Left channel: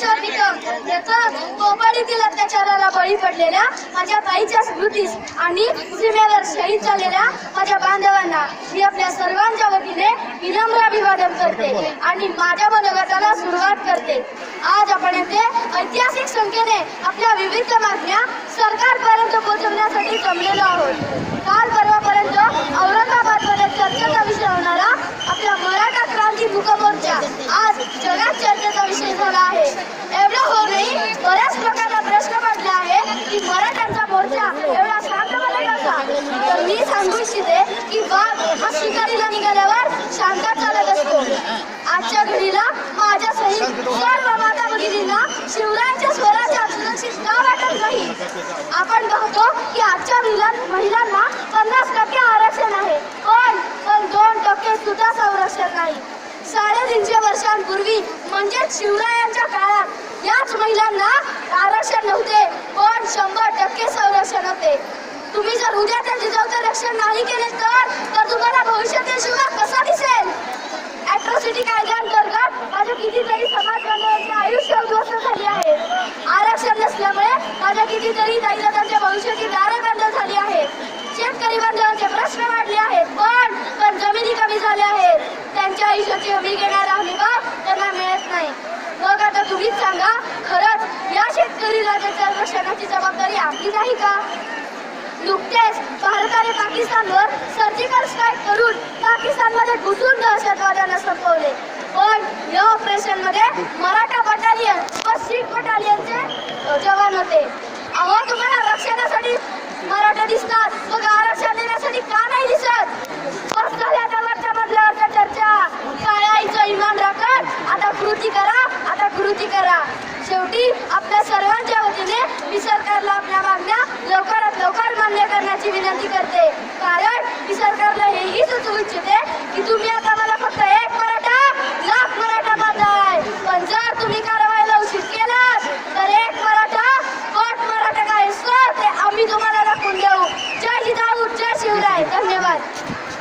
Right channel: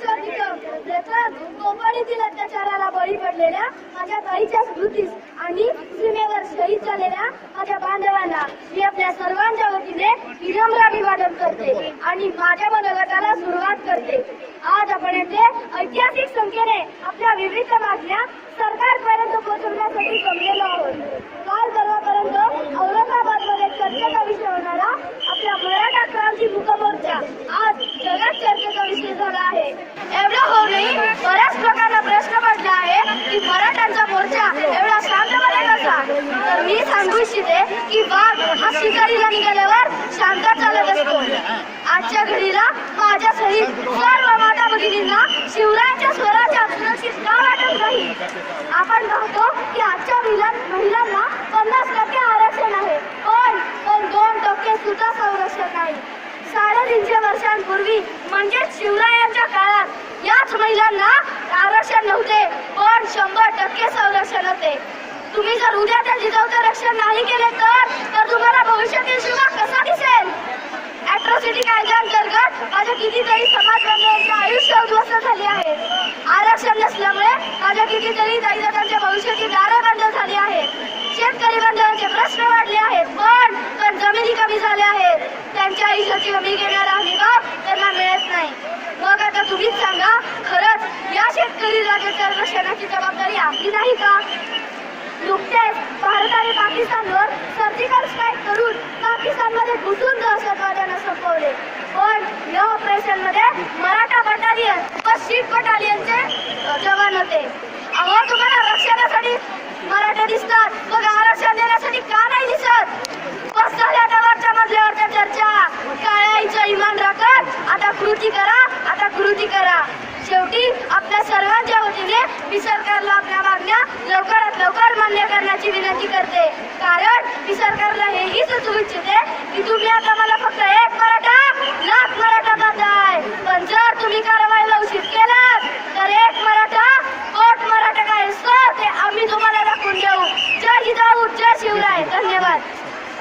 किशोर निकम याचं कोकणीतील अत्याचाराला बळी पडलेल्या माझ्या बाईच्या स्मृतीस आणि सीमेवर शहीद झालेल्या माझ्या बांधवांना मी आपल्या सर्वांच्या वतीने विनम्र अभिवादन करते आणि माझ्या मनोगताला सुरुवात करते. आज आपण येथे ऐतिहासिक संख्येने आपल्या विविध मागण्या सरकारपर्यंत पोहोचवण्यासाठी जमलेलो आहोत. काल परवापर्यंत औरंगाबादमध्ये चर्चेचा विषय होणारा आपल्या मराठा क्रांती मुकमोर्चा आज जगात चर्चेचा विषय झाला आहे एवढं हो नाही बऱ्याच प्रकारचा प्रश्न पडला आहे की मराठ्यांचा मोर्चा एवढा शांतपणे कसा तर मी सांगू इच्छिते की वाघ हा शिकारीला निघाल्यावर शांत चालत असतो. आजच्या घडीला माझ्या सहित सर्व माता भगिनींना शिवरायांच्या स्वराच्या सुरक्षित का वाटत नाही. आपण बघतो की आजच्या महिला महिलांना पन्नास टक्के आरक्षण आहे. पण पण दोन टक्के सुद्धा संरक्षण नाही. साडेतीनशे वर्षांपूर्वी म्हणजेच शिवरायांच्या काळात याच महिलांना आरक्षण नव्हते पण शंभर टक्के संरक्षण होते. जर उद्या त्या जिजाऊचं रक्षण नाही केले तर तर तुम्हाला भविष्यातील शिवा कसा दिसेल? ऍट्रॉसिटी कायद्याअंतर्गत माझ्या कितीतरी समाज बांधवांचे आयुष्य उद्ध्वस्त झाले आहे. आरक्षण नसल्यामुळे माझ्या कितीतरी दाईदादांच्या भविष्याची दारे बंद झाली आहेत. शेतकरी बांधवांचे प्रश्न वाढले आहेत. पण पण जमिनी कमी झाल्या आहेत. त्यांच्या आयुष्याची हमी घेणारा हमी भाव त्यांना मिळत नाही. मग आता तुम्हीच सांगा खरंच या शेतकरी राजाच्या रक्षणाची जबाबदारी आपली नाही का? नुकतेच भारताने पाकिस्तानवर सर्जिकल स्ट्राईक करून पाकिस्तानमध्ये घुसून दहशतवाद्यांना संपवले. पण या ऑपरेशनमध्ये मराठा बटालियन व सीट बटालियनचे जवान होते. अहो तुम्हाला रक्षणासाठी मराठा दिसतात. मग आरक्षण देण्यासाठी का नाही दिसत? बस झाल्या आता मजल्यावरच्या चर्चा? काय इमान राखत? आता कृती करा आता कृती करा. शेवटी आपल्या सर्वांच्या वतीने मी सरकारला आपल्या मागण्या लवकर लवकर मान्य करण्याची विनंती करते. कारण मी सरकारला हेही सुचू इच्छिते की तुम्ही आता मला फक्त एक मराठा लाख मराठा करताय पण जर तुम्ही कारवाई उशीर केलात तर एक मराठा कोट मराठा काय असतं ते आम्ही तुम्हाला दाखवून देऊ. जय हिदाऊ जय शिवराय. धन्यवाद.